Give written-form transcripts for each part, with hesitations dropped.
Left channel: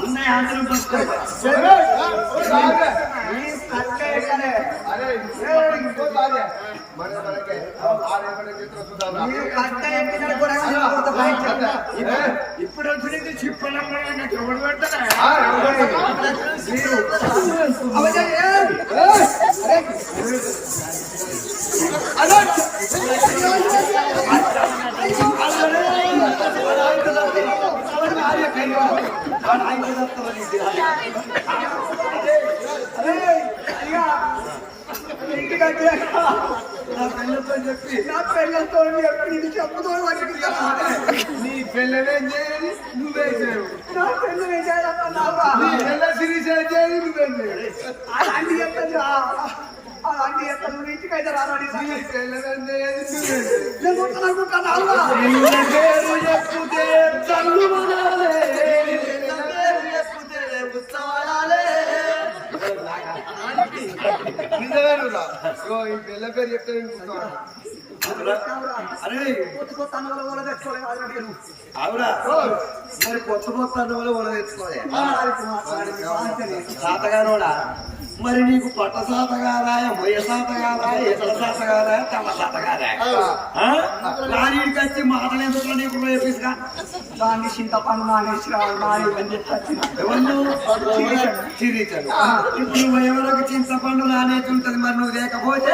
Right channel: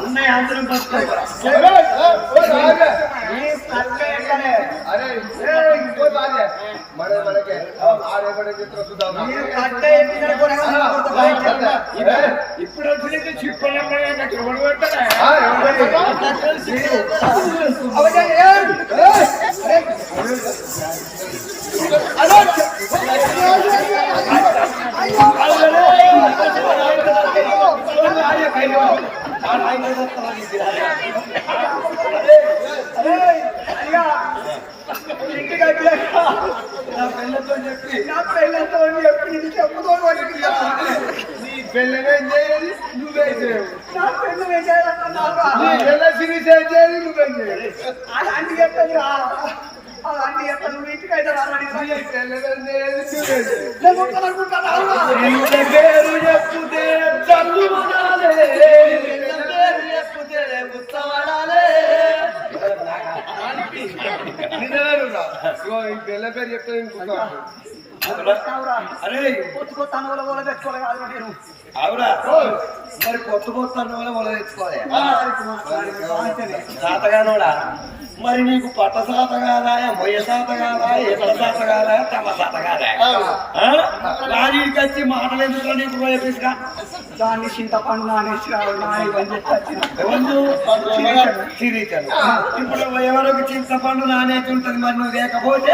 ఉన్నాయి అందరం పట్టుకోవాలి ఇప్పుడు వచ్చిన చిప్పలమ్మగా ఎవరు పెడతారా నా పిల్లతో చెప్పి చెప్పుతో నీ పిల్లనే చేయాలి నువ్వే చేయవు నా పిల్లనే చేయాలి చేయాలి నువ్వే చేయాలి అలాంటి చెప్తాను అలాంటి చెప్తాను నువ్వు ఇంటికైతే చెప్పుతే చల్లు చెప్పుతే పిల్ల పేరు చెప్తే అవునా మరి కొత్త కొత్త వల తెచ్చుకోవాలి సాతగానోడా మరి నీకు పట్ట సాత కాదా మొయ్య సాత కాదా ఎట్ల సాత కాదా తమ సాత కాదా రాజీడికి వచ్చి మాటలు ఎందుకో నీకు పోయేపిస్గా దాన్ని చింతపండు చిరీచను ఇప్పుడు ఎవరికి చింతపండు నానేకి ఉంటుంది మరి నువ్వు లేకపోతే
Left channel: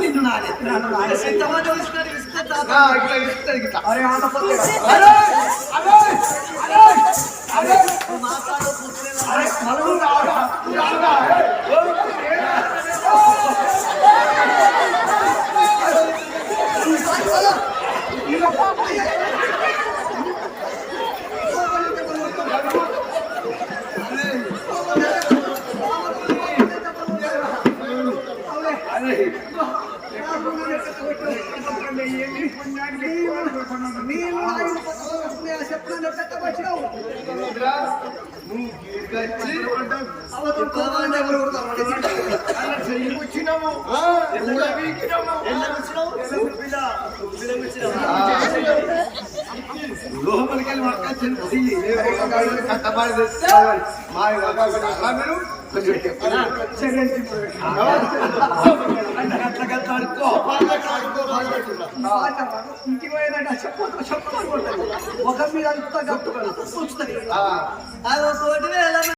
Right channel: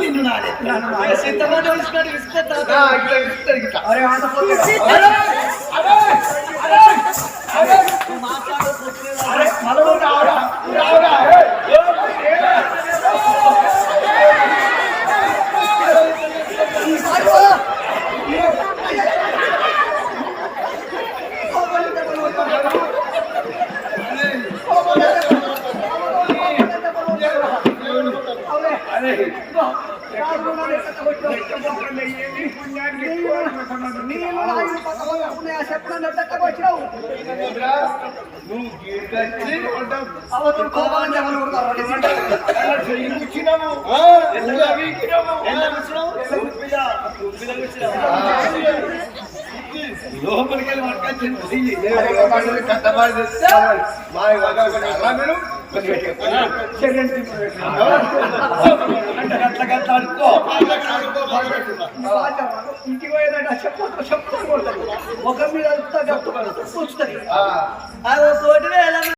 నిన్ను నానే చింతపండు నువ్వు గీడ్కొచ్చి అవతల కోపాన్ని ఎవరు వచ్చినాము లోపలికి వెళ్ళి మనకు కట్టబాటు తెస్తే మా మీరు ఇంటికి పోయేదంటే చెప్పుకుంటారు ముఖం మీద అంతా చెప్తున్నారు చూస్తుంది